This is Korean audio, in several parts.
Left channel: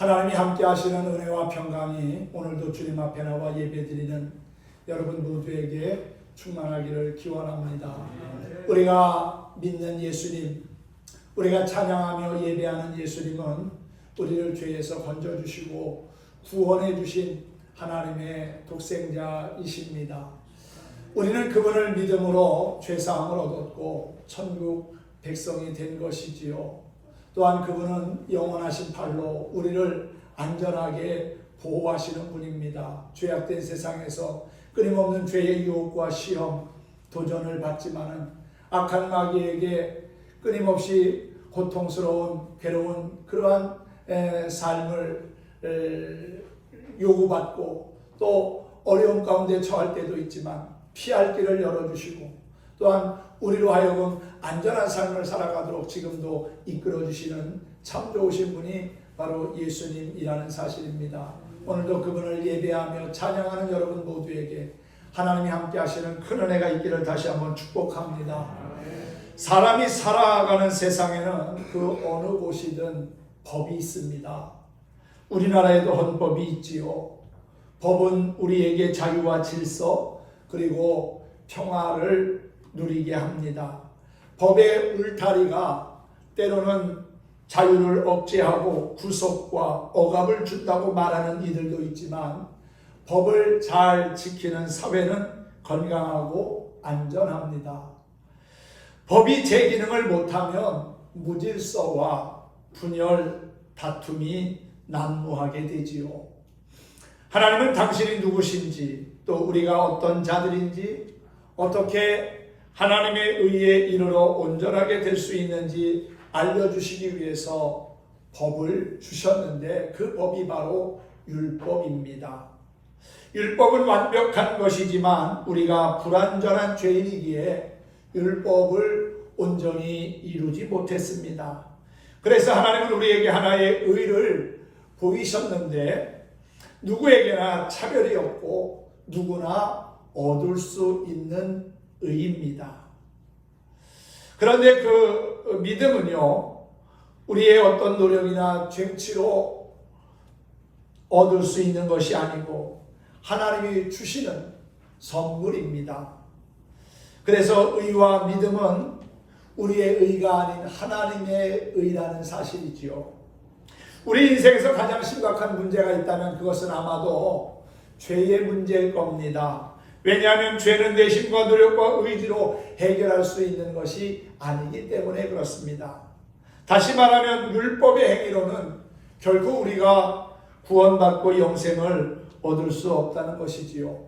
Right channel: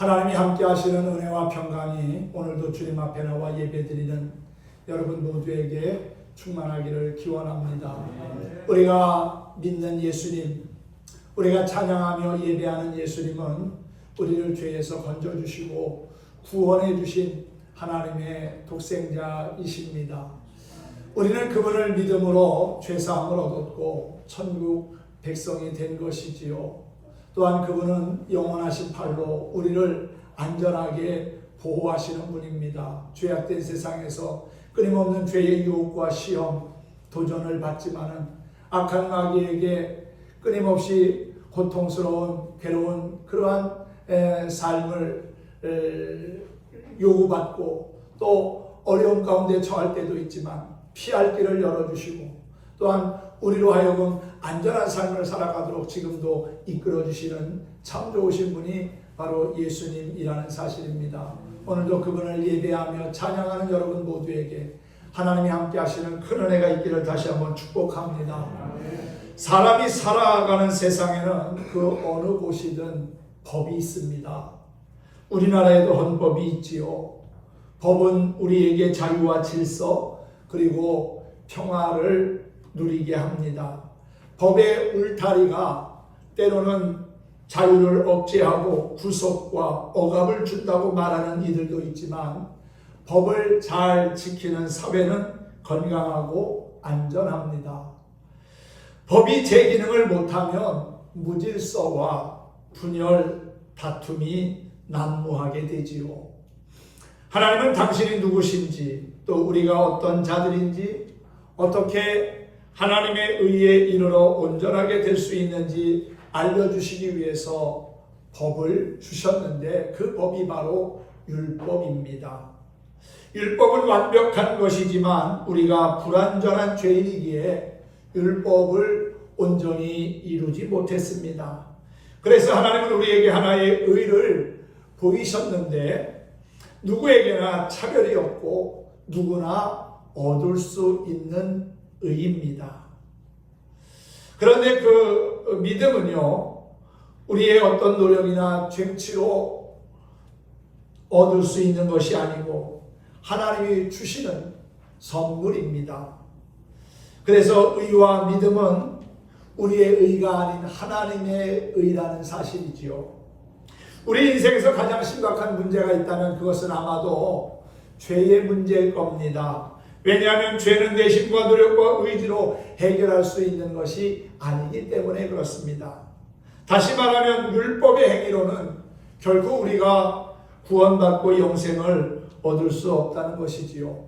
하나님이 함께 하시는 은혜와 평강이 오늘도 주님 앞에 나와 예배드리는 여러분 모두에게 충만하기를 기원합니다. 우리가 믿는 예수님, 우리가 찬양하며 예배하는 예수님은 우리를 죄에서 건져주시고 구원해 주신 하나님의 독생자이십니다. 우리는 그분을 믿음으로 죄사함을 얻었고 천국 백성이 된 것이지요. 또한 그분은 영원하신 팔로 우리를 안전하게 보호하시는 분입니다. 죄악된 세상에서 끊임없는 죄의 유혹과 시험, 도전을 받지만은 악한 마귀에게 끊임없이 고통스러운 괴로운 그러한 삶을 요구받고 또 어려움 가운데 처할 때도 있지만 피할 길을 열어주시고 또한 우리로 하여금 안전한 삶을 살아가도록 지금도 이끌어주시는 참 좋으신 분이 바로 예수님이라는 사실입니다. 오늘도 그분을 예배하며 찬양하는 여러분 모두에게 하나님이 함께 하시는 큰 은혜가 있기를 다시 한번 축복합니다. 사람이 살아가는 세상에는 그 어느 곳이든 법이 있습니다. 우리나라에도 헌법이 있지요. 법은 우리에게 자유와 질서 그리고 평화를 누리게 합니다. 법의 울타리가 때로는 자유를 억제하고 구속과 억압을 준다고 말하는 이들도 있지만 법을 잘 지키는 사회는 건강하고 안전합니다. 법이 제 기능을 못하면 무질서와 분열, 다툼이 난무하게 되지요. 하나님은 당신이 누구신지 또 우리가 어떤 자들인지 어떻게 하나님의 의에 이르러 온전하게 될 수 있는지 알려주시기 위해서 법을 주셨는데 그 법이 바로 율법입니다. 율법은 완벽한 것이지만 우리가 불완전한 죄인이기에 율법을 온전히 이루지 못했습니다. 그래서 하나님은 우리에게 하나의 의를 보이셨는데 누구에게나 차별이 없고 누구나 얻을 수 있는 의입니다. 그런데 그 믿음은요, 우리의 어떤 노력이나 쟁취로 얻을 수 있는 것이 아니고 하나님이 주시는 선물입니다. 그래서 의와 믿음은 우리의 의가 아닌 하나님의 의라는 사실이지요. 우리 인생에서 가장 심각한 문제가 있다면 그것은 아마도 죄의 문제일 겁니다. 왜냐하면 죄는 내심과 노력과 의지로 해결할 수 있는 것이 아니기 때문에 그렇습니다. 다시 말하면 율법의 행위로는 결국 우리가 구원받고 영생을 얻을 수 없다는 것이지요.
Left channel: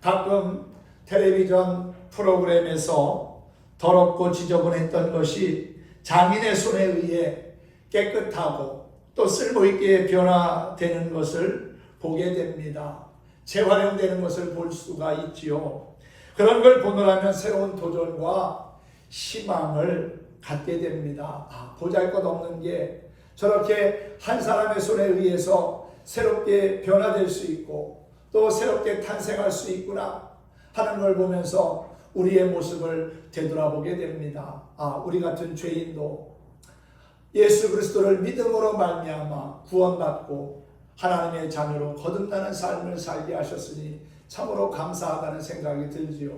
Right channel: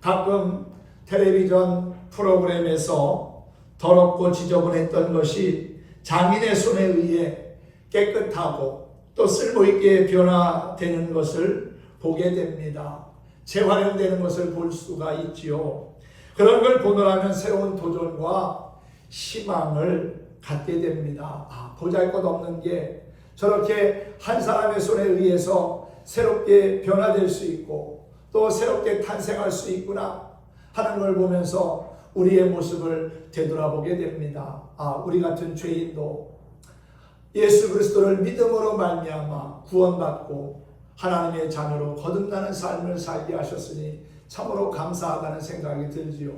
가끔 텔레비전 프로그램에서 더럽고 지저분했던 것이 장인의 손에 의해 깨끗하고 또 쓸모있게 변화되는 것을 보게 됩니다. 재활용되는 것을 볼 수가 있지요. 그런 걸 보느라면 새로운 도전과 희망을 갖게 됩니다. 보잘것없는 게 저렇게 한 사람의 손에 의해서 새롭게 변화될 수 있고 또 새롭게 탄생할 수 있구나 하는 걸 보면서 우리의 모습을 되돌아보게 됩니다. 우리 같은 죄인도 예수 그리스도를 믿음으로 말미암아 구원받고 하나님의 자녀로 거듭나는 삶을 살게 하셨으니 참으로 감사하다는 생각이 들지요.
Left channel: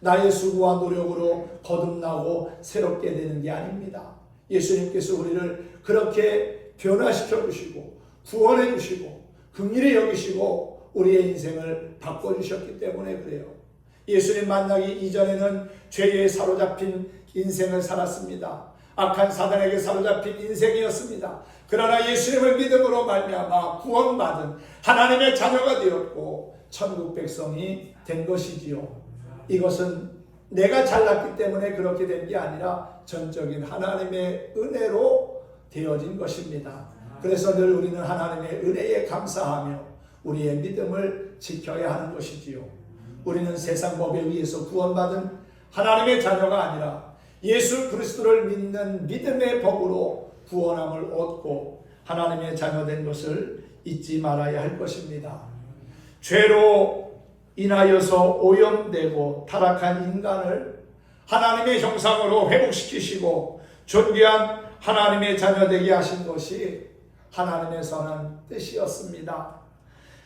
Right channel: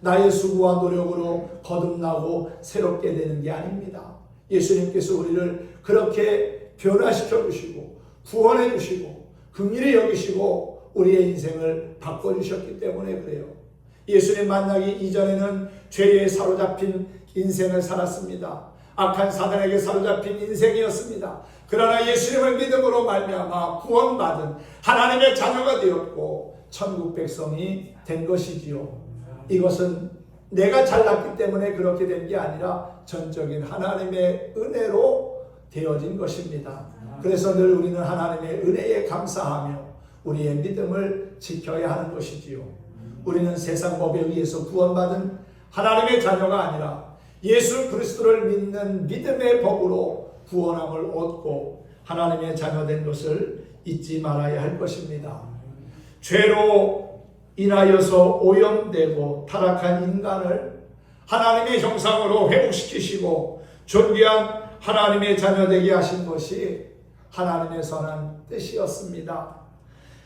나의 수고와 노력으로 거듭나고 새롭게 되는 게 아닙니다. 예수님께서 우리를 그렇게 변화시켜 주시고 구원해 주시고 긍휼히 여기시고 우리의 인생을 바꿔주셨기 때문에 그래요. 예수님 만나기 이전에는 죄에 사로잡힌 인생을 살았습니다. 악한 사단에게 사로잡힌 인생이었습니다. 그러나 예수님을 믿음으로 말미암아 구원받은 하나님의 자녀가 되었고 천국 백성이 된 것이지요. 이것은 내가 잘났기 때문에 그렇게 된 게 아니라 전적인 하나님의 은혜로 되어진 것입니다. 그래서 늘 우리는 하나님의 은혜에 감사하며 우리의 믿음을 지켜야 하는 것이지요. 우리는 세상 법에 의해서 구원받은 하나님의 자녀가 아니라 예수 그리스도를 믿는 믿음의 법으로 구원함을 얻고 하나님의 자녀된 것을 잊지 말아야 할 것입니다. 죄로 인하여서 오염되고 타락한 인간을 하나님의 형상으로 회복시키시고 존귀한 하나님의 자녀되게 하신 것이 하나님의 선한 뜻이었습니다.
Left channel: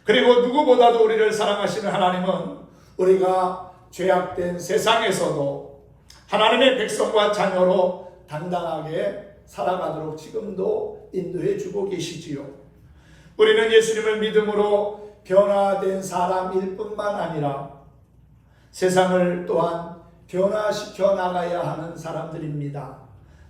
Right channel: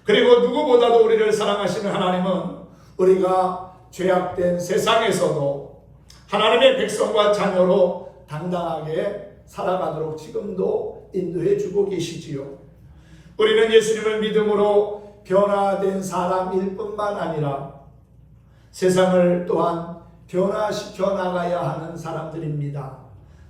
그리고 누구보다도 우리를 사랑하시는 하나님은 우리가 죄악된 세상에서도 하나님의 백성과 자녀로 당당하게 살아가도록 지금도 인도해 주고 계시지요. 우리는 예수님을 믿음으로 변화된 사람일 뿐만 아니라 세상을 또한 변화시켜 나가야 하는 사람들입니다.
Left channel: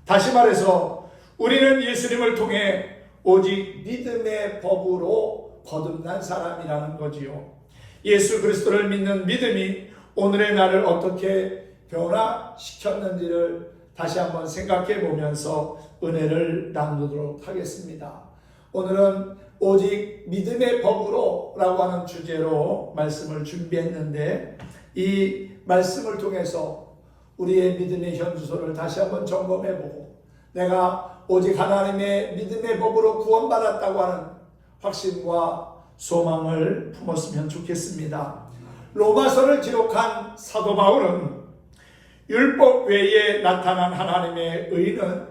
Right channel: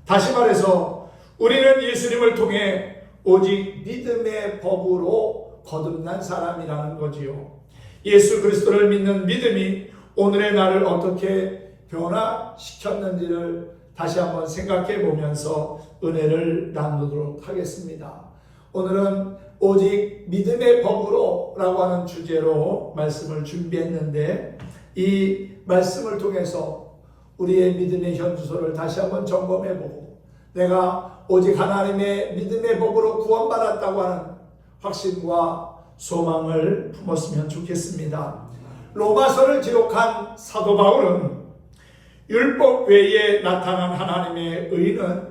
다시 말해서 우리는 예수님을 통해 오직 믿음의 법으로 거듭난 사람이라는 거지요. 예수 그리스도를 믿는 믿음이 오늘의 나를 어떻게 변화시켰는지를 다시 한번 생각해 보면서 은혜를 나누도록 하겠습니다. 오늘은 오직 믿음의 법으로 라고 하는 주제로 말씀을 준비했는데, 이 말씀을 통해서 우리의 믿음의 현주소를 다시 한번 점검해 보고 내가 오직 하나님의 믿음의 법으로 구원받았다고 하는 확신과 소망을 품었으면 좋겠습니다. 로마서를 기록한 사도 바울은 율법 외에 나타난 하나님의 의는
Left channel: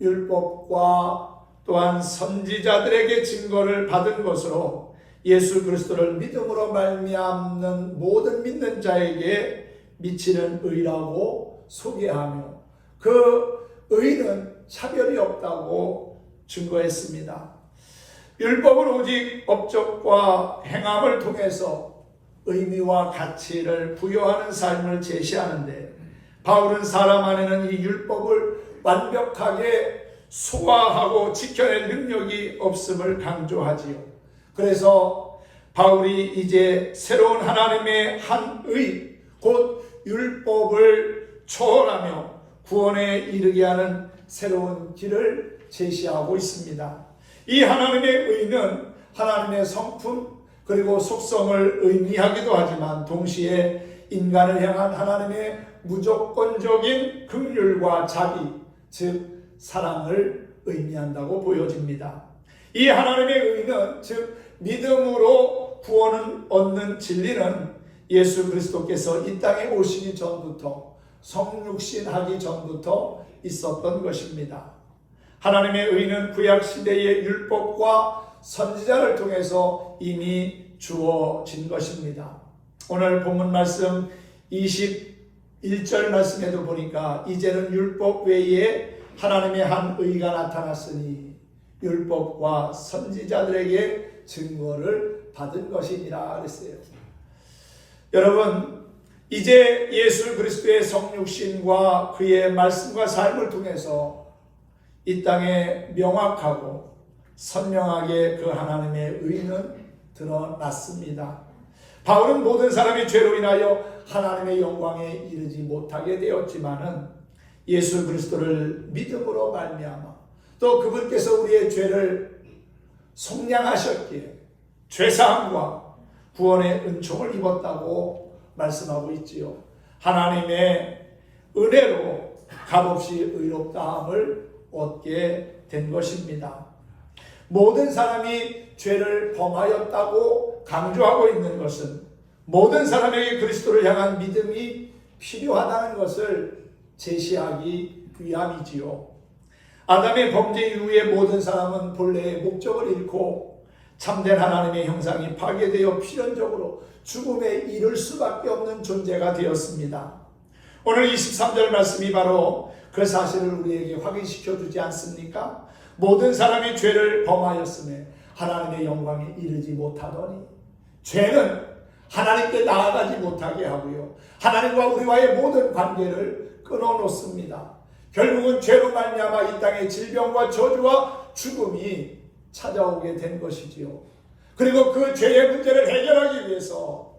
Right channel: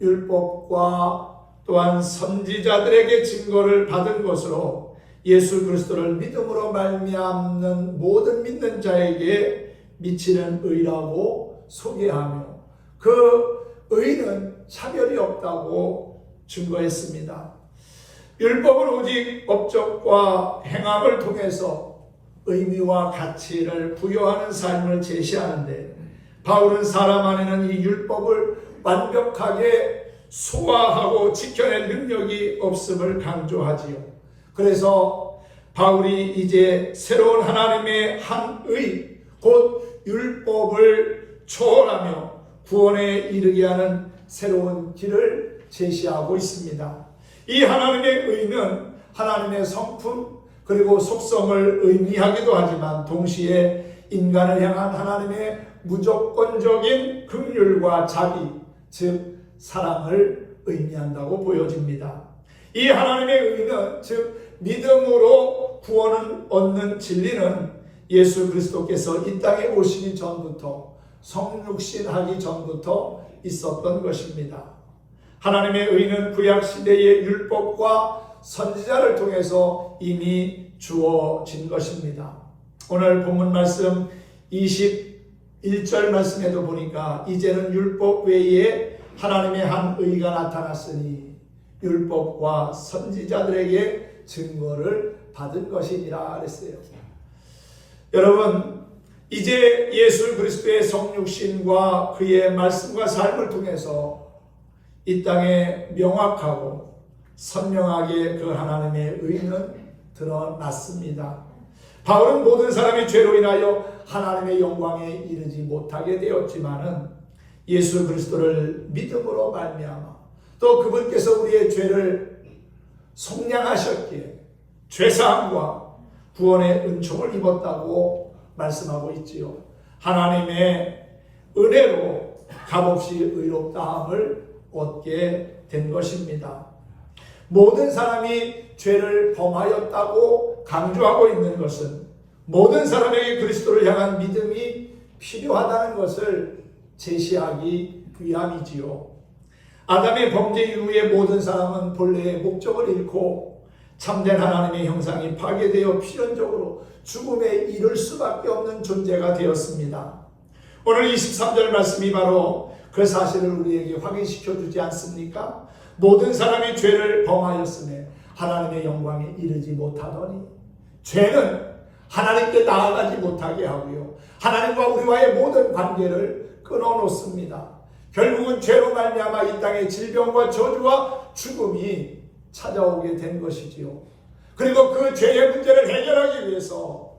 율법과 또한 선지자들에게 증거를 받은 것으로 예수 그리스도를 믿음으로 말미암는 모든 믿는 자에게 미치는 의라고 소개하며 그 의는 차별이 없다고 증거했습니다. 율법은 오직 업적과 행함을 통해서 의미와 가치를 부여하는 삶을 제시하는데, 바울은 사람 안에는 이 율법을 완벽하게 소화하고 지켜낼 능력이 없음을 강조하지요. 그래서 바울이 이제 새로운 하나님의 한 의, 곧 율법을 초월하며 구원에 이르게 하는 새로운 길을 제시하고 있습니다. 이 하나님의 의는 하나님의 성품 그리고 속성을 의미하기도 하지만 동시에 인간을 향한 하나님의 무조건적인 긍휼과 자비, 즉 사랑을 의미한다고 보여집니다. 이 하나님의 의는, 즉 믿음으로 구원을 얻는 진리는 예수 그리스도께서 이 땅에 오시기 전부터, 성육신하기 전부터 있었던 것입니다. 하나님의 의는 구약시대의 율법과 선지자를 통해서 이미 주어진 것입니다. 오늘 본문 말씀 21절 말씀에도 보니까 이제는 율법 외에 하나님의 한 의가 나타났으니 율법과 선지자들에게 증거를 받은 것이니라 그랬어요. 여러분, 이제 예수 그리스도의 성육신과 그의 말씀과 삶을 통해서 이 땅에 명확하고 선명하게 그 하나님의 의는 드러났습니다. 바울은 모든 사람이 죄로 인하여 하나님의 영광에 이르지 못하게 되었지만은 예수 그리스도를 믿음으로 말미암아 또 그분께서 우리의 죄를 속량하셨기에 죄사함과 구원의 은총을 입었다고 말씀하고 있지요. 하나님의 은혜로 값없이 의롭다함을 얻게 된 것입니다. 모든 사람이 죄를 범하였다고 강조하고 있는 것은 모든 사람에게 그리스도를 향한 믿음이 필요하다는 것을 제시하기 위함이지요. 아담의 범죄 이후에 모든 사람은 본래의 목적을 잃고 참된 하나님의 형상이 파괴되어 필연적으로 죽음에 이를 수밖에 없는 존재가 되었습니다. 오늘 23절 말씀이 바로 그 사실을 우리에게 확인시켜 주지 않습니까? 모든 사람이 죄를 범하였으며 하나님의 영광에 이르지 못하더니, 죄는 하나님께 나아가지 못하게 하고요, 하나님과 우리와의 모든 관계를 끊어놓습니다. 결국은 죄로 말미암아 이 땅에 질병과 저주와 죽음이 찾아오게 된 것이지요. 그리고 그 죄의 문제를 해결하기 위해서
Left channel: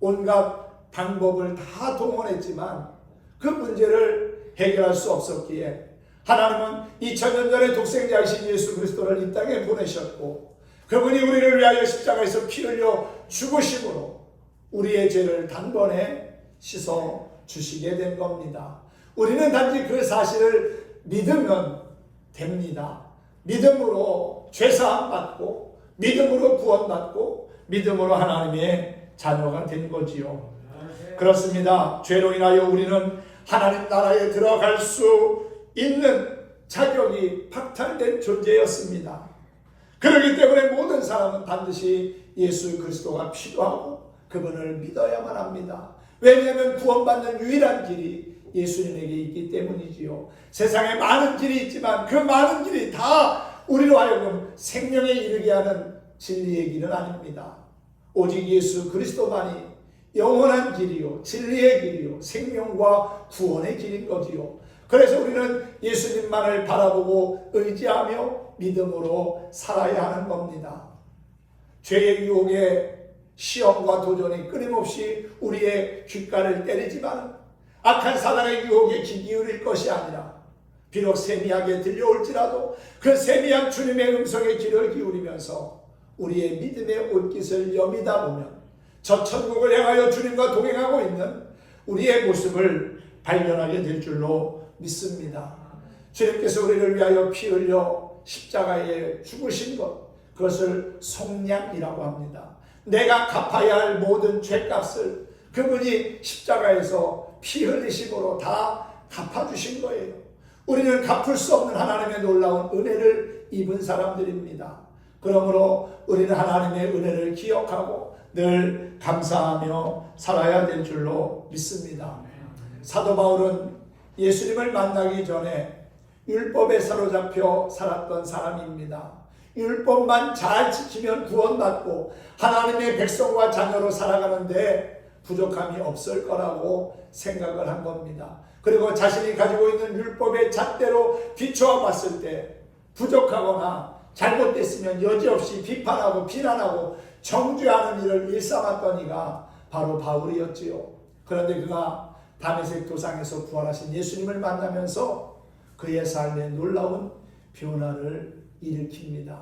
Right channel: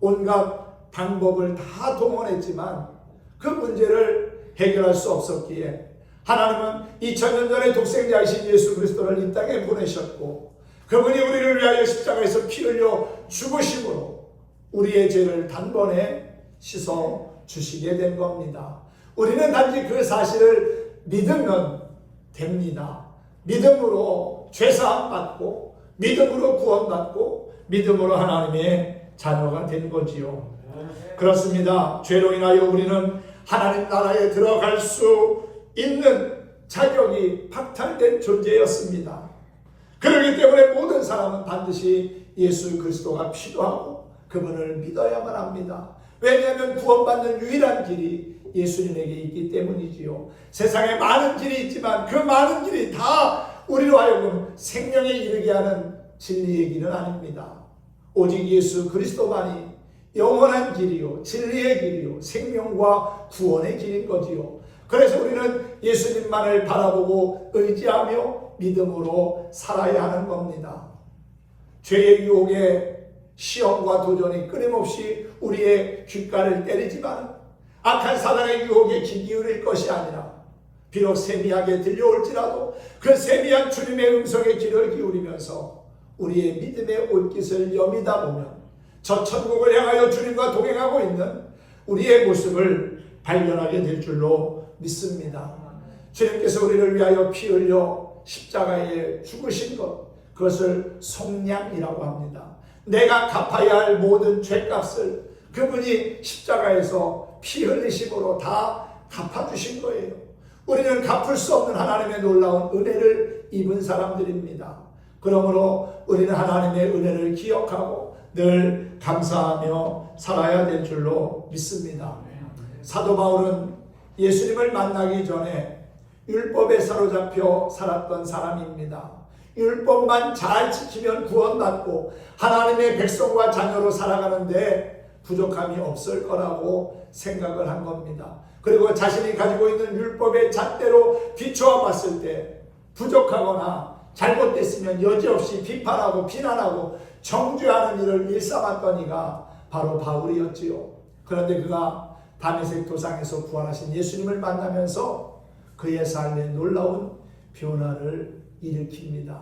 온갖 방법을 다 동원했지만 그 문제를 해결할 수 없었기에 하나님은 2000년 전에 독생자이신 예수 그리스도를 이 땅에 보내셨고, 그분이 우리를 위하여 십자가에서 피 흘려 죽으심으로 우리의 죄를 단번에 씻어 주시게 된 겁니다. 우리는 단지 그 사실을 믿으면 됩니다. 믿음으로 죄사함 받고 믿음으로 구원받고 믿음으로 하나님의 자녀가 된 거지요. 그렇습니다. 죄로 인하여 우리는 하나님 나라에 들어갈 수 있는 자격이 박탈된 존재였습니다. 그렇기 때문에 모든 사람은 반드시 예수 그리스도가 필요하고 그분을 믿어야만 합니다. 왜냐하면 구원받는 유일한 길이 예수님에게 있기 때문이지요. 세상에 많은 길이 있지만 그 많은 길이 다 우리로 하여금 생명에 이르게 하는 진리의 길은 아닙니다. 오직 예수 그리스도만이 영원한 길이요, 진리의 길이요, 생명과 구원의 길인 거지요. 그래서 우리는 예수님만을 바라보고 의지하며 믿음으로 살아야 하는 겁니다. 죄의 유혹에 시험과 도전이 끊임없이 우리의 귓가를 때리지만 악한 사단의 유혹에 귀 기울일 것이 아니라 비록 세미하게 들려올지라도 그 세미한 주님의 음성에 귀를 기울이면서 우리의 믿음의 옷깃을 여미다 보면 저 천국을 향하여 주님과 동행하고 있는 우리의 모습을 발견하게 될 줄로 믿습니다. 주님께서 우리를 위하여 피 흘려 십자가에 죽으신 것, 그것을 속량이라고 합니다. 내가 갚아야 할 모든 죄값을 그분이 십자가에서 피 흘리심으로 다 갚아주신 거예요. 우리는 갚을 수 없는 하나님의 놀라운 은혜를 입은 사람들입니다. 그러므로 우리는 하나님의 은혜를 기억하고 늘 감사하며 살아야 될 줄로 믿습니다. 사도 바울은 예수님을 만나기 전에 율법에 사로잡혀 살았던 사람입니다. 율법만 잘 지키면 구원받고 하나님의 백성과 자녀로 살아가는데 부족함이 없을 거라고 생각을 한 겁니다. 그리고 자신이 가지고 있는 율법의 잣대로 비추어 봤을 때 부족하거나 잘못됐으면 여지없이 비판하고 비난하고 정죄하는 일을 일삼았던 이가 바로 바울이었지요. 그런데 그가 다메섹 도상에서 부활하신 예수님을 만나면서 그의 삶에 놀라운 변화를 일으킵니다.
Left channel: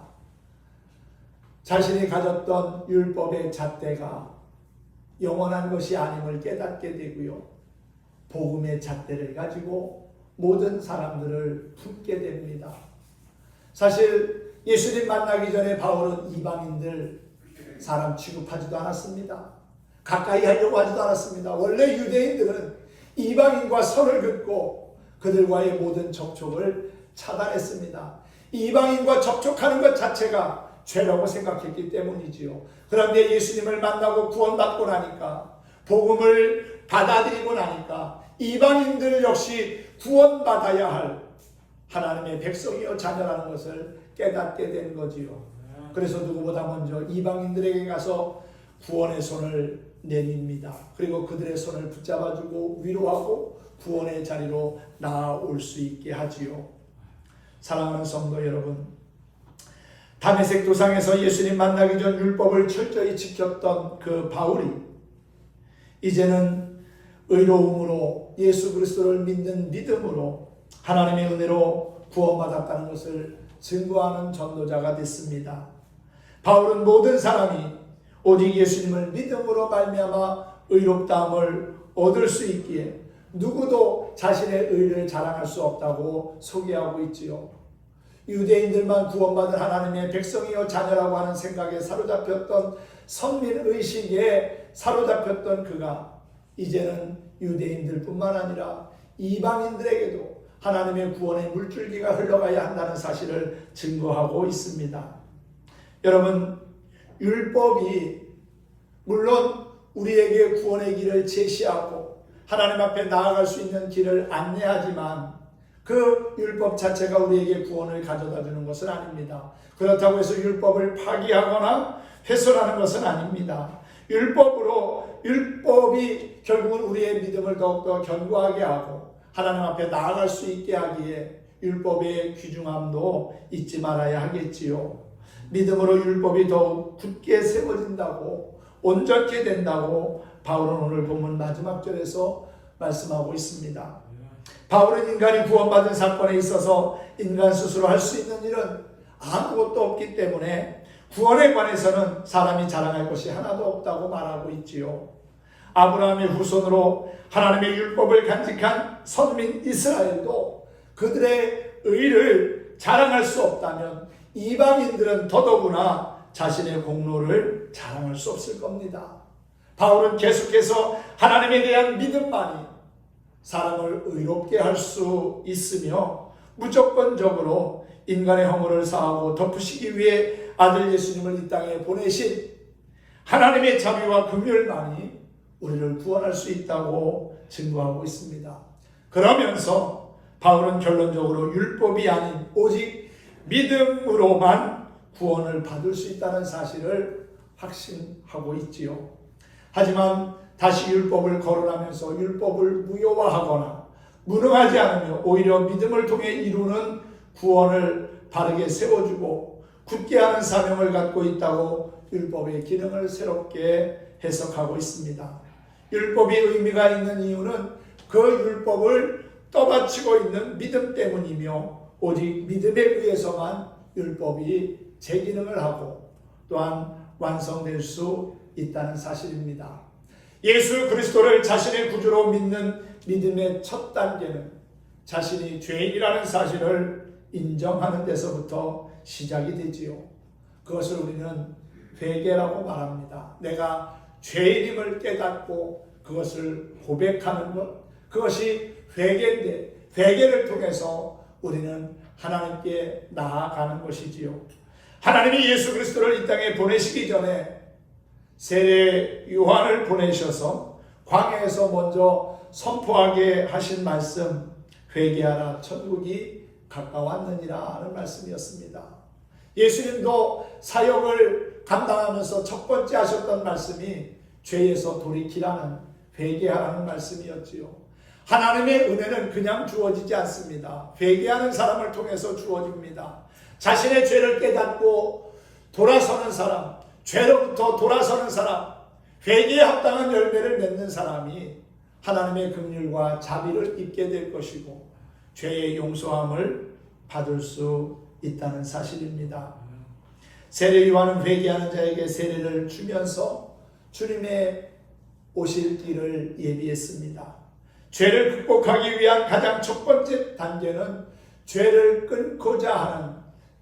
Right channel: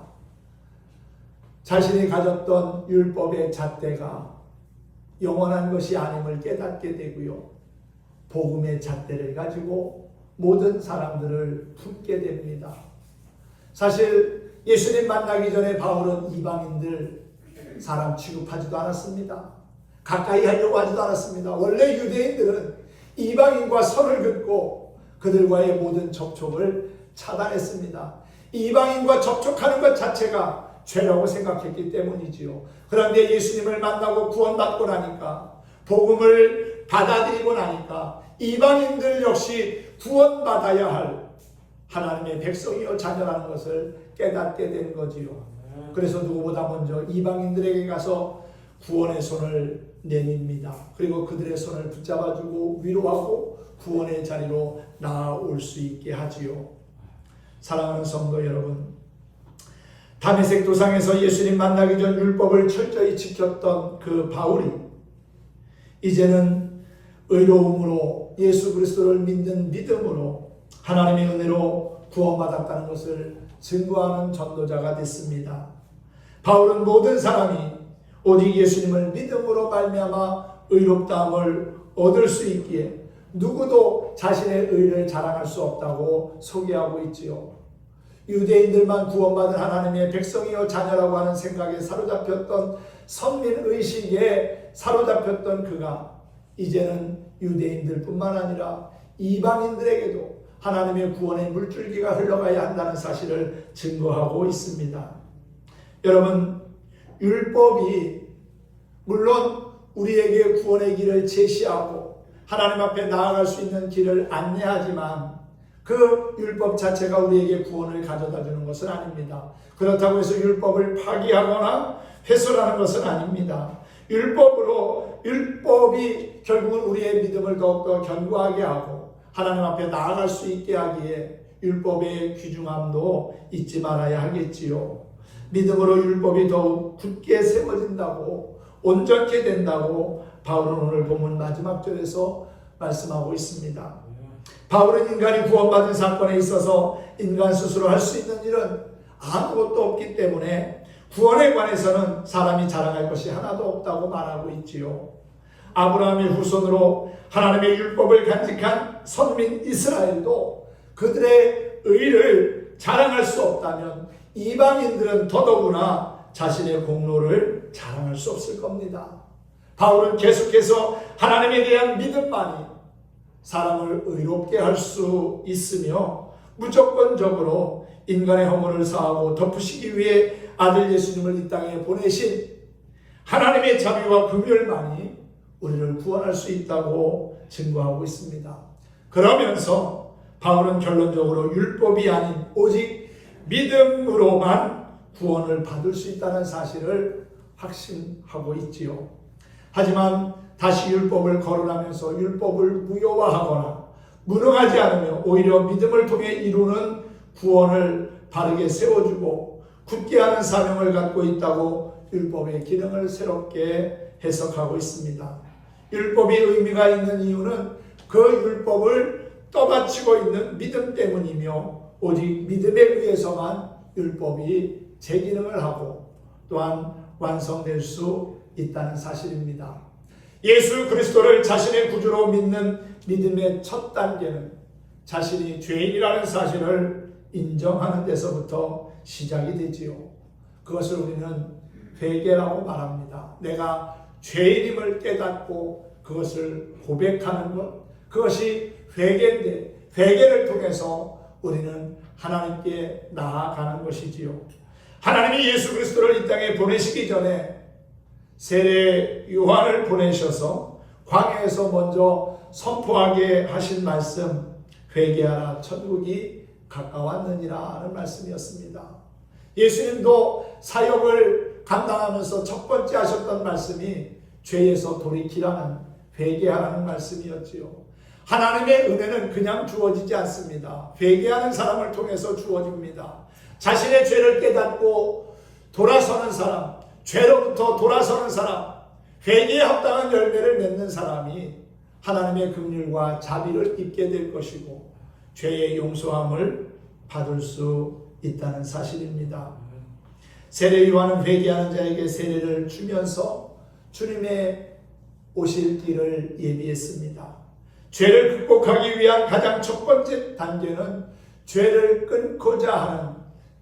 자신이 가졌던 율법의 잣대가 영원한 것이 아님을 깨닫게 되고요. 복음의 잣대를 가지고 모든 사람들을 품게 됩니다. 사실 예수님 만나기 전에 바울은 이방인들 사람 취급하지도 않았습니다. 가까이 하려고 하지도 않았습니다. 원래 유대인들은 이방인과 선을 긋고 그들과의 모든 접촉을 차단했습니다. 이방인과 접촉하는 것 자체가 죄라고 생각했기 때문이지요. 그런데 예수님을 만나고 구원받고 나니까, 복음을 받아들이고 나니까 이방인들 역시 구원받아야 할 하나님의 백성이요 자녀라는 것을 깨닫게 된 거지요. 그래서 누구보다 먼저 이방인들에게 가서 구원의 손을 내밉니다. 그리고 그들의 손을 붙잡아주고 위로하고 구원의 자리로 나아올 수 있게 하지요. 사랑하는 성도 여러분, 다메섹 도상에서 예수님 만나기 전 율법을 철저히 지켰던 그 바울이 이제는 의로움으로 예수 그리스도를 믿는 믿음으로 하나님의 은혜로 구원받았다는 것을 증거하는 전도자가 됐습니다. 바울은 모든 사람이 오직 예수님을 믿음으로 말미암아 의롭다함을 얻을 수 있기에 누구도 자신의 의를 자랑할 수 없다고 소개하고 있지요. 유대인들만 구원받은 하나님의 백성이요 자녀라고 하는 생각에 사로잡혔던 선민의식에 사로잡혔던 그가 이제는 유대인들뿐만 아니라 이방인들에게도 하나님의 구원의 물줄기가 흘러가야 한다는 사실을 증거하고 있습니다. 여러분, 율법이 물론 우리에게 구원의 길을 제시하고 하나님 앞에 나아갈 수 있는 길을 안내하지만 그 율법 자체가 우리에게 구원을 가져다 주는 것은 아닙니다. 그렇다고 해서 율법을 파기하거나 훼손하는 것은 아닙니다. 율법이 결국은 우리의 믿음을 더욱더 견고하게 하고 하나님 앞에 나아갈 수 있게 하기에 율법의 귀중함도 잊지 말아야 하겠지요. 믿음으로 율법이 더욱 굳게 세워진다고, 온전케 된다고 바울은 오늘 본문 마지막 절에서 말씀하고 있습니다. 바울은 인간이 구원받은 사건에 있어서 인간 스스로 할 수 있는 일은 아무것도 없기 때문에 구원에 관해서는 사람이 자랑할 것이 하나도 없다고 말하고 있지요. 아브라함의 후손으로 하나님의 율법을 간직한 선민 이스라엘도 그들의 의를 자랑할 수 없다면 이방인들은 더더구나 자신의 공로를 자랑할 수 없을 겁니다. 바울은 계속해서 하나님에 대한 믿음만이 사람을 의롭게 할 수 있으며 무조건적으로 인간의 허물을 사하고 덮으시기 위해 아들 예수님을 이 땅에 보내신 하나님의 자비와 긍휼만이 우리를 구원할 수 있다고 증거하고 있습니다. 그러면서 바울은 결론적으로 율법이 아닌 오직 믿음으로만 구원을 받을 수 있다는 사실을 확신하고 있지요. 하지만 다시 율법을 거론하면서 율법을 무효화하거나 무능하지 않으며 오히려 믿음을 통해 이루는 구원을 바르게 세워주고 굳게 하는 사명을 갖고 있다고 율법의 기능을 새롭게 해석하고 있습니다. 율법이 의미가 있는 이유는 그 율법을 떠받치고 있는 믿음 때문이며 오직 믿음에 의해서만 율법이 제 기능을 하고 또한 완성될 수 있다는 사실입니다. 예수 그리스도를 자신의 구주로 믿는 믿음의 첫 단계는 자신이 죄인이라는 사실을 인정하는 데서부터 시작이 되지요. 그것을 우리는 회개라고 말합니다. 내가 죄인임을 깨닫고 그것을 고백하는 것, 그것이 회개인데 회개를 통해서 우리는 하나님께 나아가는 것이지요. 하나님이 예수 그리스도를 이 땅에 보내시기 전에 세례 요한을 보내셔서 광야에서 먼저 선포하게 하신 말씀, 회개하라 천국이 가까웠느니라 하는 말씀이었습니다. 예수님도 사역을 감당하면서 첫 번째 하셨던 말씀이 죄에서 돌이키라는 회개하라는 말씀이었지요. 하나님의 은혜는 그냥 주어지지 않습니다. 회개하는 사람을 통해서 주어집니다. 자신의 죄를 깨닫고 돌아서는 사람, 죄로부터 돌아서는 사람, 회개에 합당한 열매를 맺는 사람이 하나님의 긍휼과 자비를 입게 될 것이고 죄의 용서함을 받을 수 있다는 사실입니다. 세례 요한은 회개하는 자에게 세례를 주면서 주님의 오실 길을 예비했습니다. 죄를 극복하기 위한 가장 첫 번째 단계는 죄를 끊고자 하는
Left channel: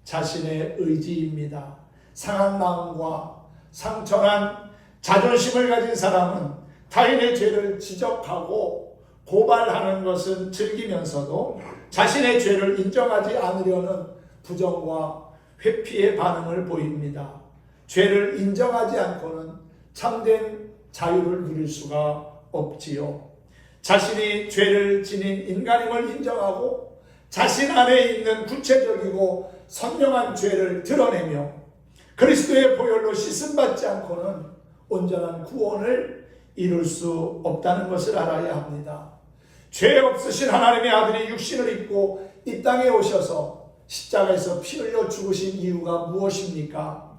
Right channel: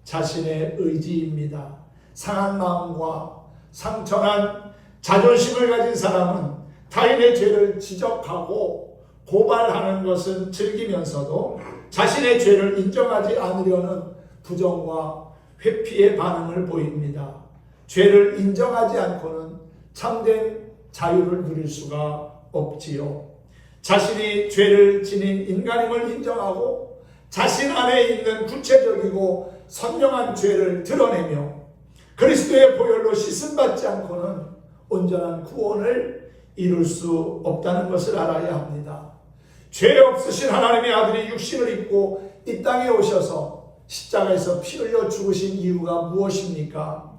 자신의 의지입니다. 상한 마음과 상처난 자존심을 가진 사람은 타인의 죄를 지적하고 고발하는 것은 즐기면서도 자신의 죄를 인정하지 않으려는 부정과 회피의 반응을 보입니다. 죄를 인정하지 않고는 참된 자유를 누릴 수가 없지요. 자신이 죄를 지닌 인간임을 인정하고 자신 안에 있는 구체적이고 선명한 죄를 드러내며 그리스도의 보혈로 씻음받지 않고는 온전한 구원을 이룰 수 없다는 것을 알아야 합니다. 죄 없으신 하나님의 아들이 육신을 입고 이 땅에 오셔서 십자가에서 피 흘려 죽으신 이유가 무엇입니까?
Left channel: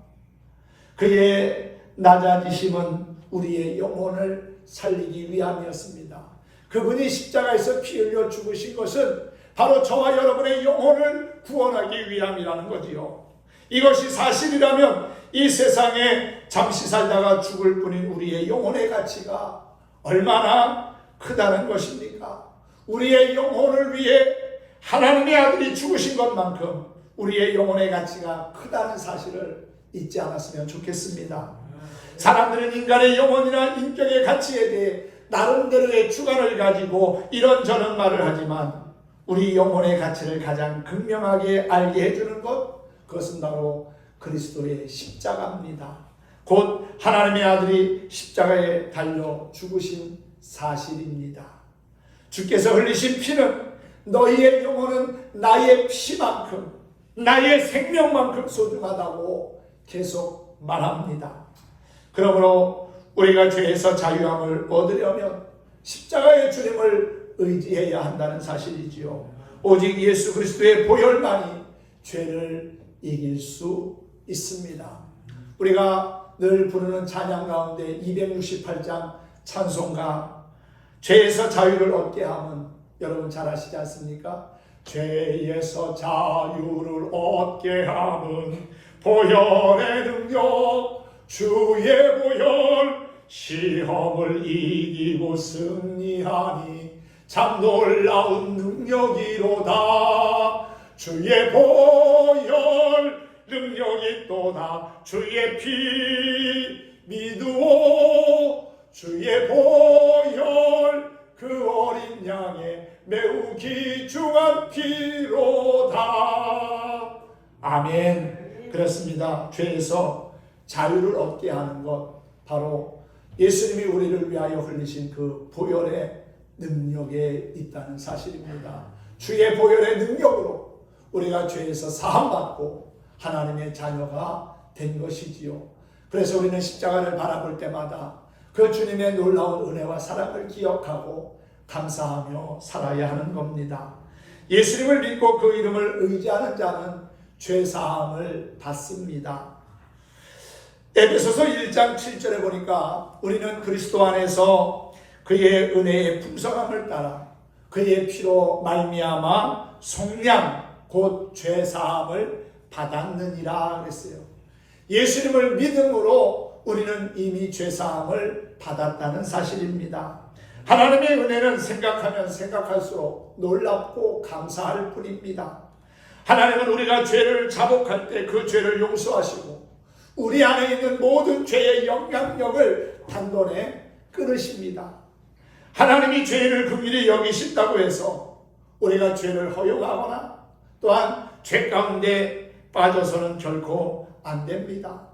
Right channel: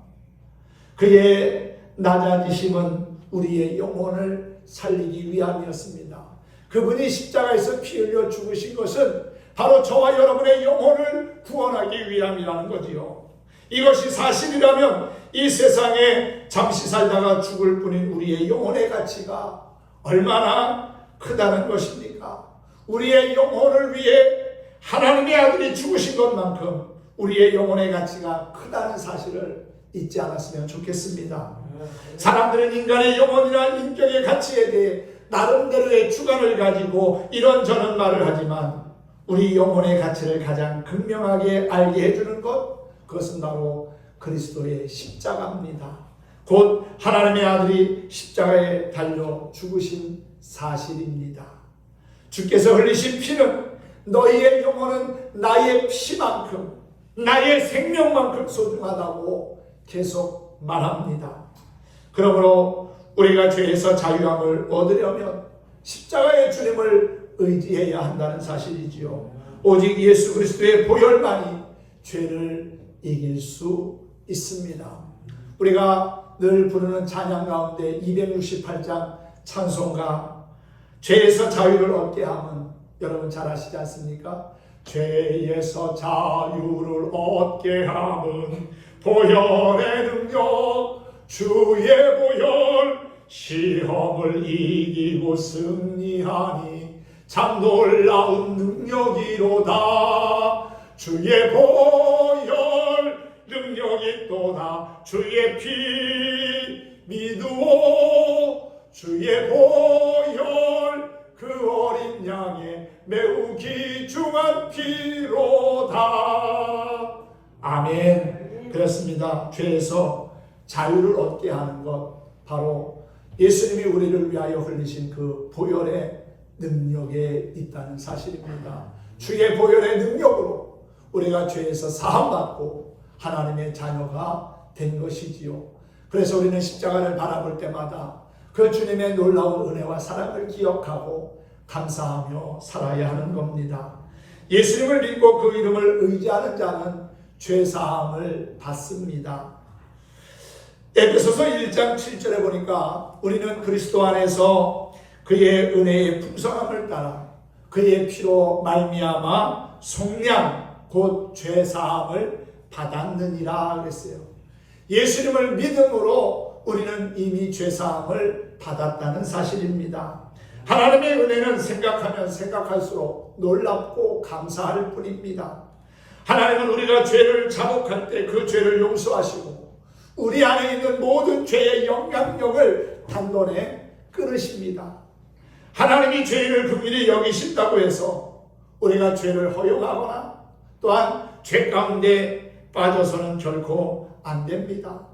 그의 낮아지심은 우리의 영혼을 살리기 위함이었습니다. 그분이 십자가에서 피 흘려 죽으신 것은 바로 저와 여러분의 영혼을 구원하기 위함이라는 거지요. 이것이 사실이라면 이 세상에 잠시 살다가 죽을 뿐인 우리의 영혼의 가치가 얼마나 크다는 것입니까? 우리의 영혼을 위해 하나님의 아들이 죽으신 것만큼 우리의 영혼의 가치가 크다는 사실을 잊지 않았으면 좋겠습니다. 사람들은 인간의 영혼이나 인격의 가치에 대해 나름대로의 주관을 가지고 이런저런 말을 하지만 우리 영혼의 가치를 가장 극명하게 알게 해주는 것, 그것은 바로 그리스도의 십자가입니다. 곧 하나님의 아들이 십자가에 달려 죽으신 사실입니다. 주께서 흘리신 피는 너희의 영혼은 나의 피만큼, 나의 생명만큼 소중하다고 계속 말합니다. 그러므로 우리가 죄에서 자유함을 얻으려면 십자가의 주님을 의지해야 한다는 사실이지요. 오직 예수 그리스도의 보혈만이 죄를 이길 수 있습니다. 우리가 늘 부르는 찬양 가운데 268장 찬송가 죄에서 자유를 얻게 함은 여러분 잘 아시지 않습니까? 죄에서 자유를 얻게 함은 보혈의 능력 주의 보혈 시험을 이기고 승리하니 참 놀라운 능력이로다. 주의 보혈 능력이 또다. 주의 피 믿으오. 주의 보혈 그 어린 양의 매우 귀중한 피로다. 아멘. 그렇습니다. 죄에서 자유를 얻게 하는 것, 바로 예수님이 우리를 위하여 흘리신 그 보혈의 능력에 있다는 사실입니다. 주의 보혈의 능력으로 우리가 죄에서 사함받고 하나님의 자녀가 된 것이지요. 그래서 우리는 십자가를 바라볼 때마다 그 주님의 놀라운 은혜와 사랑을 기억하고 감사하며 살아야 하는 겁니다. 예수님을 믿고 그 이름을 의지하는 자는 죄사함을 받습니다. 에베소서 1장 7절에 보니까 우리는 그리스도 안에서 그의 은혜의 풍성함을 따라 그의 피로 말미암아 속량 곧 죄사함을 받았느니라 그랬어요. 예수님을 믿음으로 우리는 이미 죄사함을 받았다는 사실입니다. 하나님의 은혜는 생각하면 생각할수록 놀랍고 감사할 뿐입니다. 하나님은 우리가 죄를 자복할 때 그 죄를 용서하시고 우리 안에 있는 모든 죄의 영향력을 단번에 끊으십니다. 하나님이 죄를 긍휼히 여기신다고 해서 우리가 죄를 허용하거나 또한 죄 가운데 빠져서는 결코 안 됩니다.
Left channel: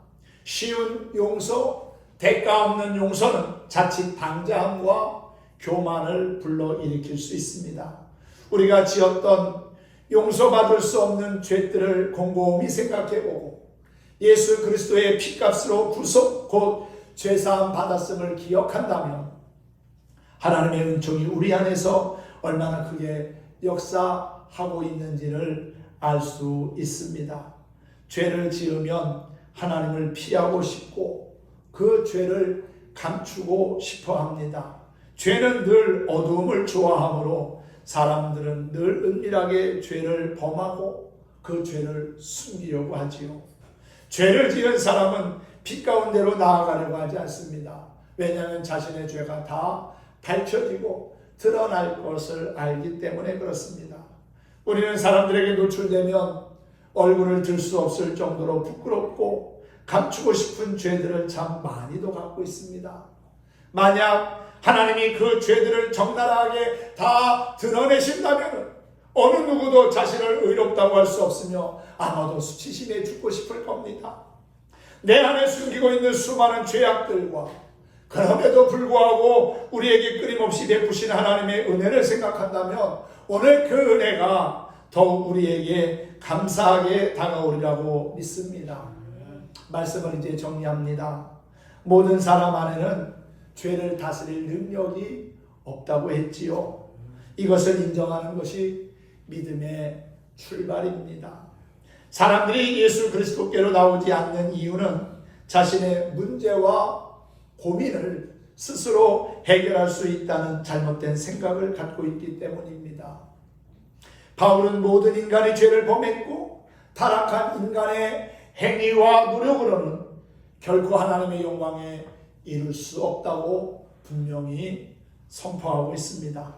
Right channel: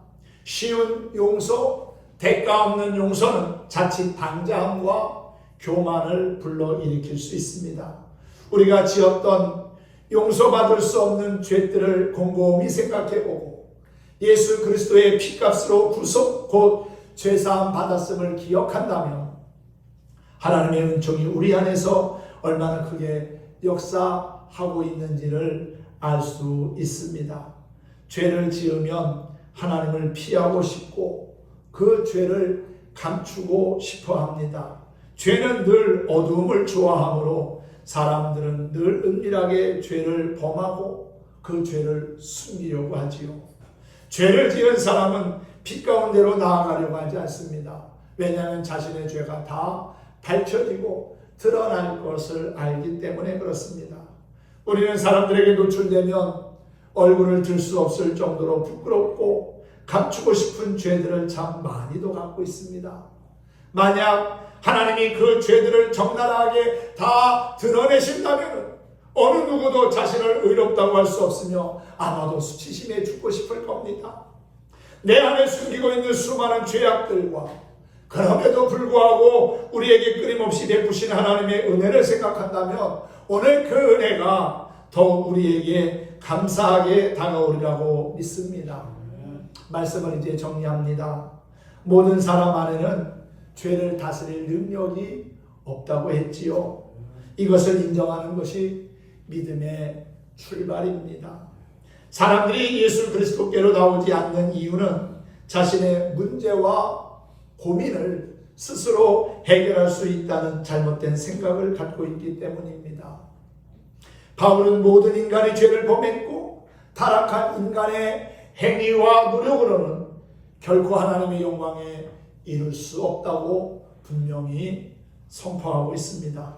쉬운 용서, 대가 없는 용서는 자칫 방자함과 교만을 불러일으킬 수 있습니다. 우리가 지었던 용서받을 수 없는 죄들을 곰곰이 생각해보고 예수 그리스도의 피값으로 구속 곧 죄사함 받았음을 기억한다면 하나님의 은총이 우리 안에서 얼마나 크게 역사하고 있는지를 알 수 있습니다. 죄를 지으면 하나님을 피하고 싶고 그 죄를 감추고 싶어 합니다. 죄는 늘 어두움을 좋아하므로 사람들은 늘 은밀하게 죄를 범하고 그 죄를 숨기려고 하지요. 죄를 지은 사람은 빛 가운데로 나아가려고 하지 않습니다. 왜냐하면 자신의 죄가 다 밝혀지고 드러날 것을 알기 때문에 그렇습니다. 우리는 사람들에게 노출되면 얼굴을 들 수 없을 정도로 부끄럽고 감추고 싶은 죄들을 참 많이도 갖고 있습니다. 만약 하나님이 그 죄들을 적나라하게 다 드러내신다면 어느 누구도 자신을 의롭다고 할 수 없으며 아마도 수치심에 죽고 싶을 겁니다. 내 안에 숨기고 있는 수많은 죄악들과 그럼에도 불구하고 우리에게 끊임없이 베푸신 하나님의 은혜를 생각한다면 오늘 그 은혜가 더욱 우리에게 감사하게 다가오리라고 믿습니다. 말씀을 이제 정리합니다. 모든 사람 안에는 죄를 다스릴 능력이 없다고 했지요. 이것을 인정하는 것이 믿음의 출발입니다. 사람들이 예수 그리스도께로 나오지 않는 이유는 자신의 문제와 고민을 스스로 해결할 수 있다는 잘못된 생각을 갖고 있기 때문입니다. 바울은 모든 인간이 죄를 범했고 타락한 인간의 행위와 노력으로는 결코 하나님의 영광에 이룰 수 없다고 분명히 선포하고 있습니다.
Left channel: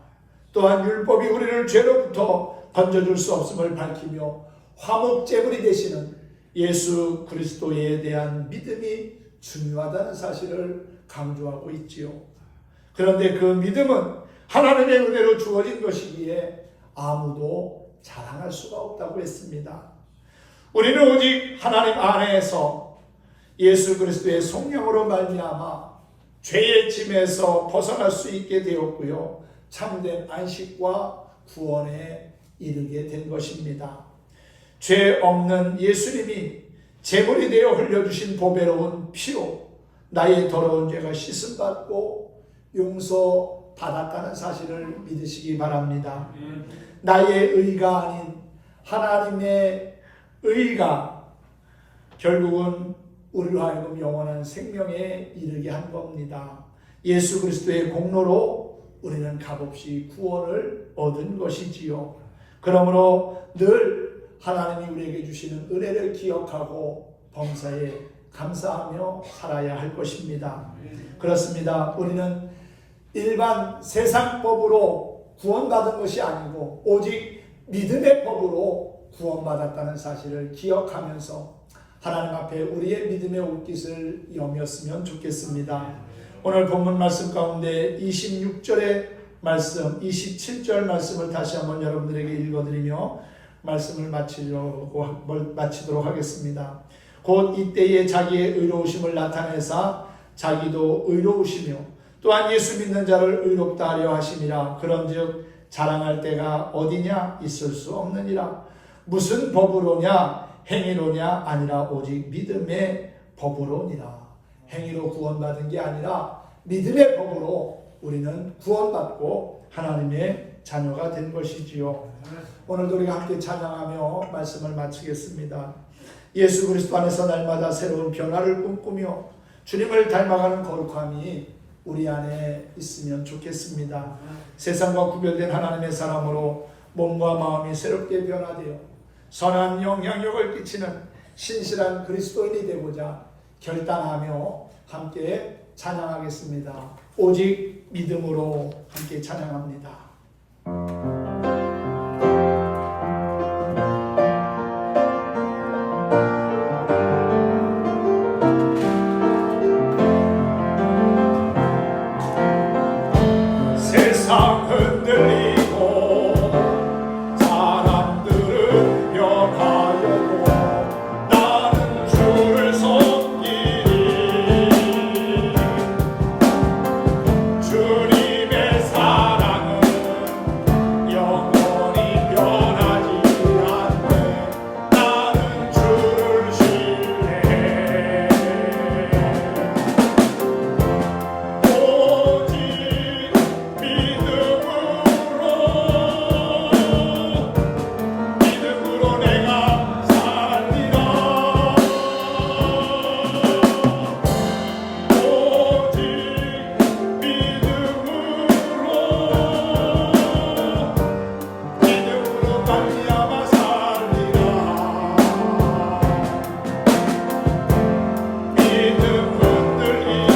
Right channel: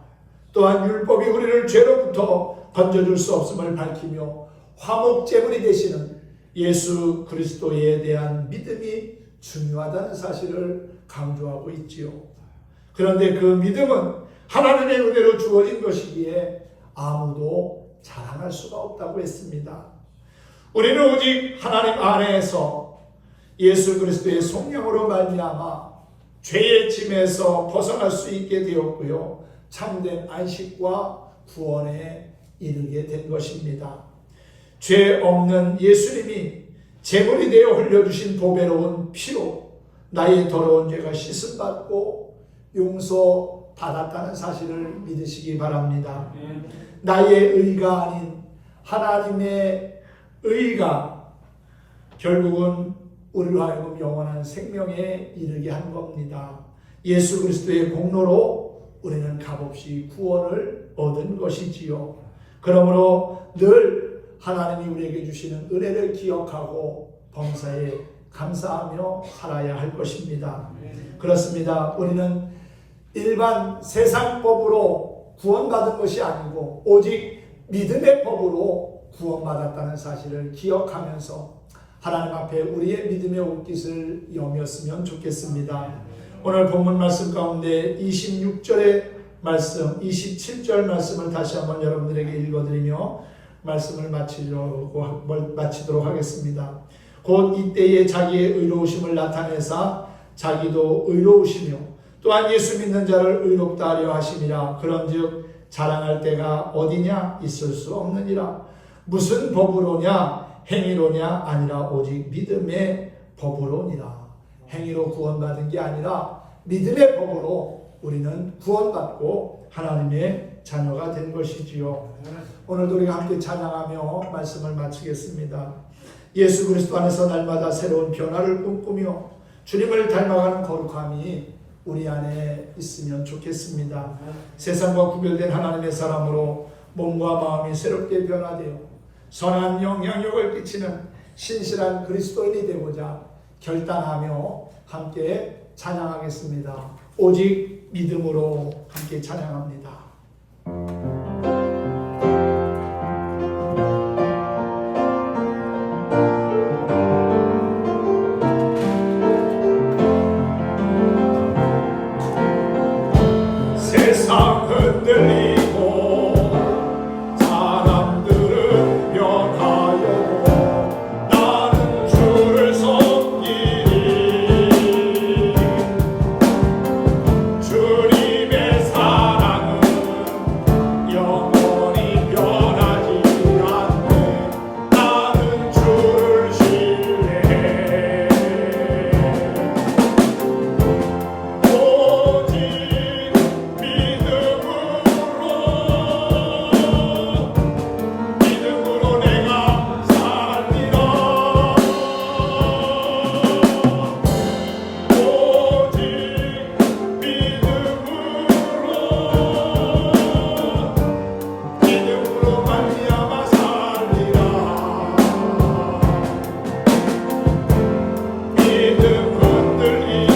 또한 율법이 우리를 죄로부터 건져줄 수 없음을 밝히며 화목제물이 되시는 예수 그리스도에 대한 믿음이 중요하다는 사실을 강조하고 있지요. 그런데 그 믿음은 하나님의 은혜로 주어진 것이기에 아무도 자랑할 수가 없다고 했습니다. 우리는 오직 하나님 안에서 예수 그리스도의 성령으로 말미암아 죄의 짐에서 벗어날 수 있게 되었고요. 참된 안식과 구원에 이르게 된 것입니다. 죄 없는 예수님이 제물이 되어 흘려주신 보배로운 피로 나의 더러운 죄가 씻음받고 용서받았다는 사실을 믿으시기 바랍니다. 나의 의가 아닌 하나님의 의가 결국은 우리로 하여금 영원한 생명에 이르게 한 겁니다. 예수 그리스도의 공로로 우리는 값없이 구원을 얻은 것이지요. 그러므로 늘 하나님이 우리에게 주시는 은혜를 기억하고 범사에 감사하며 살아야 할 것입니다. 그렇습니다. 우리는 일반 세상법으로 구원받은 것이 아니고 오직 믿음의 법으로 구원받았다는 사실을 기억하면서 하나님 앞에 우리의 믿음의 옷깃을 여몄으면 좋겠습니다. 오늘 본문 말씀 가운데 26절에 말씀 27절 말씀을 다시 한번 여러분들에게 읽어드리며 말씀을 마치도록 하겠습니다. 곧 이때에 자기의 의로우심을 나타내사 자기도 의로우시며 또한 예수 믿는 자를 의롭다 하려 하심이라. 그런즉 자랑할 때가 어디냐? 있을 수 없느니라. 무슨 법으로냐? 행위로냐? 아니라 오직 믿음의 법으로니라. 행위로 구원받은 게 아니라 믿음의 법으로 우리는 구원받고 하나님의 자녀가 된 것이지요. 오늘도 우리가 함께 찬양하며 말씀을 마치겠습니다. 예수 그리스도 안에서 날마다 새로운 변화를 꿈꾸며 주님을 닮아가는 거룩함이 우리 안에 있으면 좋겠습니다. 세상과 구별된 하나님의 사람으로 몸과 마음이 새롭게 변화되어 선한 영향력을 끼치는 신실한 그리스도인이 되고자 결단하며 함께 찬양하겠습니다. 오직 믿음으로 함께 찬양합니다. 세상 흔들리고 사람들은 변하여도 나는 주를 섬기리. 주님의 사랑은 영원히 변하지 않네. 나는 주를 신뢰해. 오직 믿음으로 내가 살리라. 오직 믿음으로 말미암아 살리라. 믿음 흔들리고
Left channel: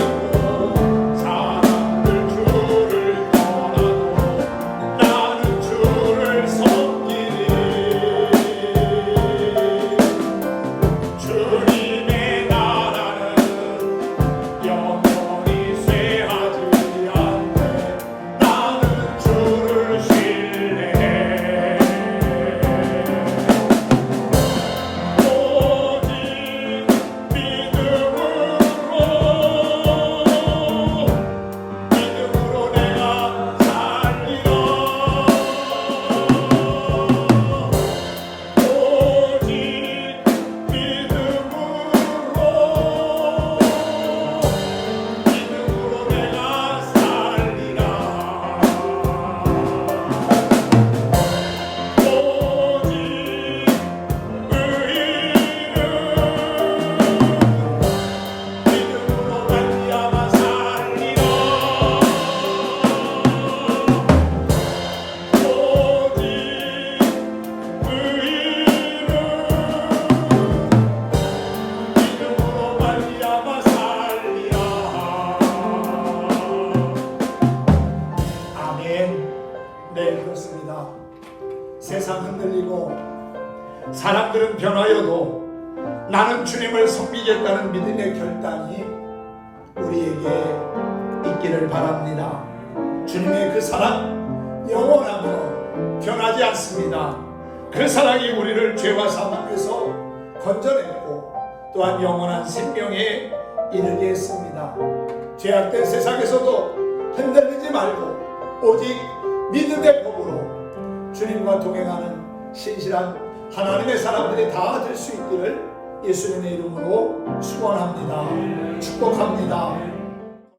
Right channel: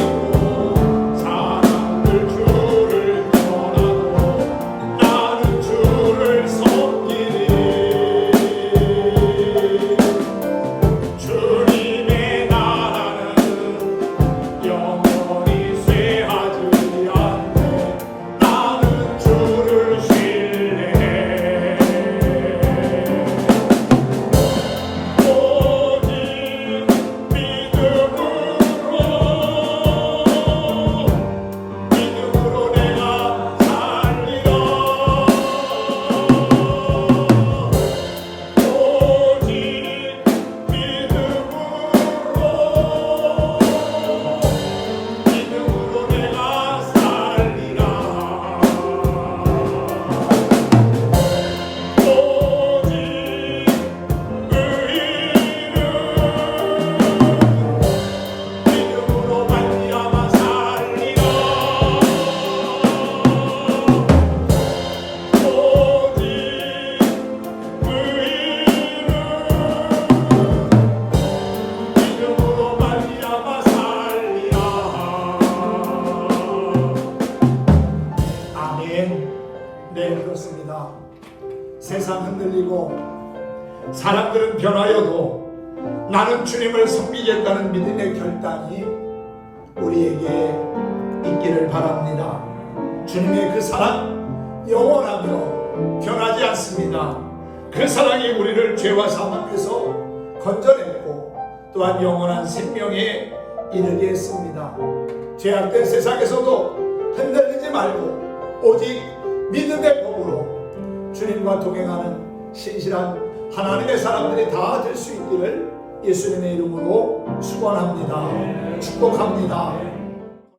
사람들 주를 떠나도 나는 주를 섬기리. 주님의 나라는 영원히 쇠하지 않네. 나는 주를 신뢰해. 오직 믿음으로 내가 살리라. 오직 믿음으로 내가 살리라. 오직 믿음으로 말미암아 살리라. 오직 믿음으로 말미암아 살리라. 아멘. 네, 그렇습니다. 세상 흔들리고 사람들은 변하여도 나는 주님을 섬기겠다는 믿음의 결단이 우리에게 있기를 바랍니다. 주님의 그 사랑 영원하며 변하지 않습니다. 그 사랑이 우리를 죄와 사망에서 건져냈고 또한 영원한 생명에 이르게 했습니다. 죄악된 세상에서도 흔들리지 말고 오직 믿음의 법으로 주님과 동행하는 신실한 하나님의 사람들이 다 될 수 있기를 예수님의 이름으로 축원합니다. 축복합니다.